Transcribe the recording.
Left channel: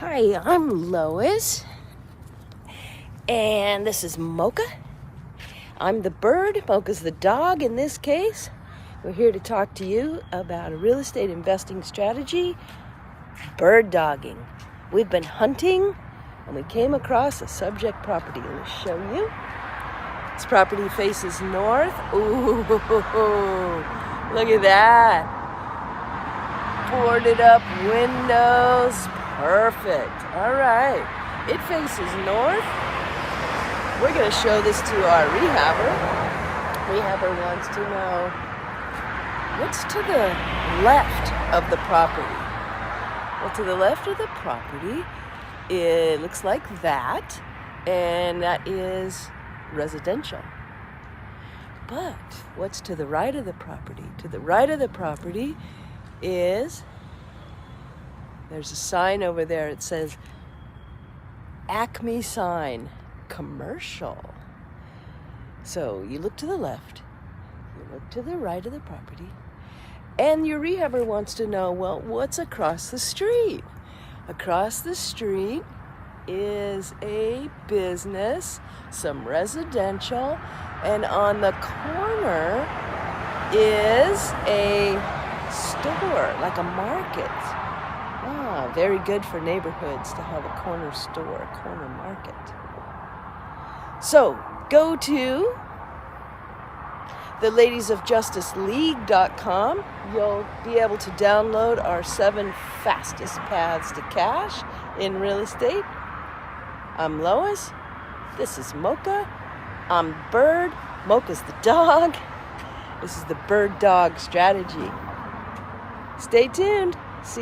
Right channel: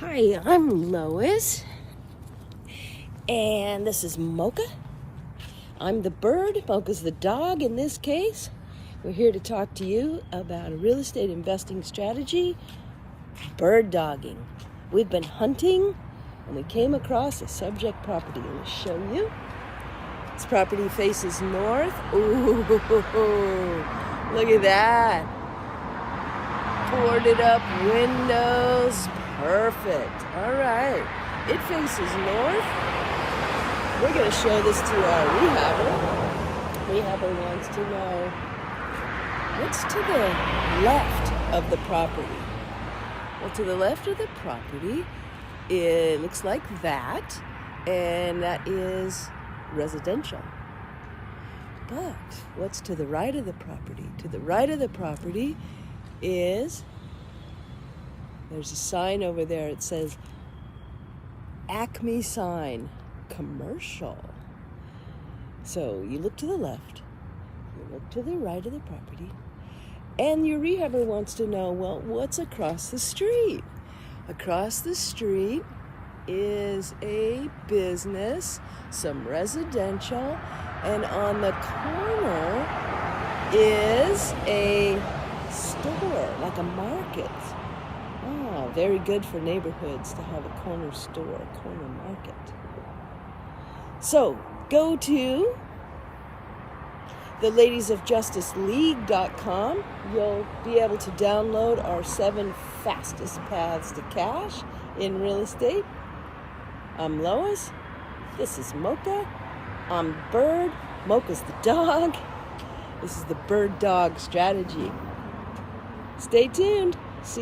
Hi, I'm Lois, and this is Mocha. I'm the bird, Mocha's the dog in this case. We're here to talk to you about a real estate investing strategy, bird dogging. We've been hunting, and we came across a subject property. Let me show you. This property faces north. Ooh, look at that. Boarded up windows. Perfect. All right. It faces north. We're going to show this to our rehabber. Rehabber wants to know what's to the left of the property. Well, to the left of the property, it looks like that, and that is residential. But what's to the right of the property? To the right of the property is, there's a sign over there. It says Acme sign, commercial. So you look to the left, you look to the right of the property, and your rehabber wants to know, well, what's across the street? Across the street is a business, some residential, and on the corner is a store, like a market. Ah, very good for neighborhoods to have a corner store, a corner market. So go to the ladiesofjusticeleague.com. You'll be able to download our 7 fastest paths to cash in real estate. I'm Lois. This is Mocha. I'm Bird. Mocha's the dog. This is the bird dog strategy. Stay tuned. See you.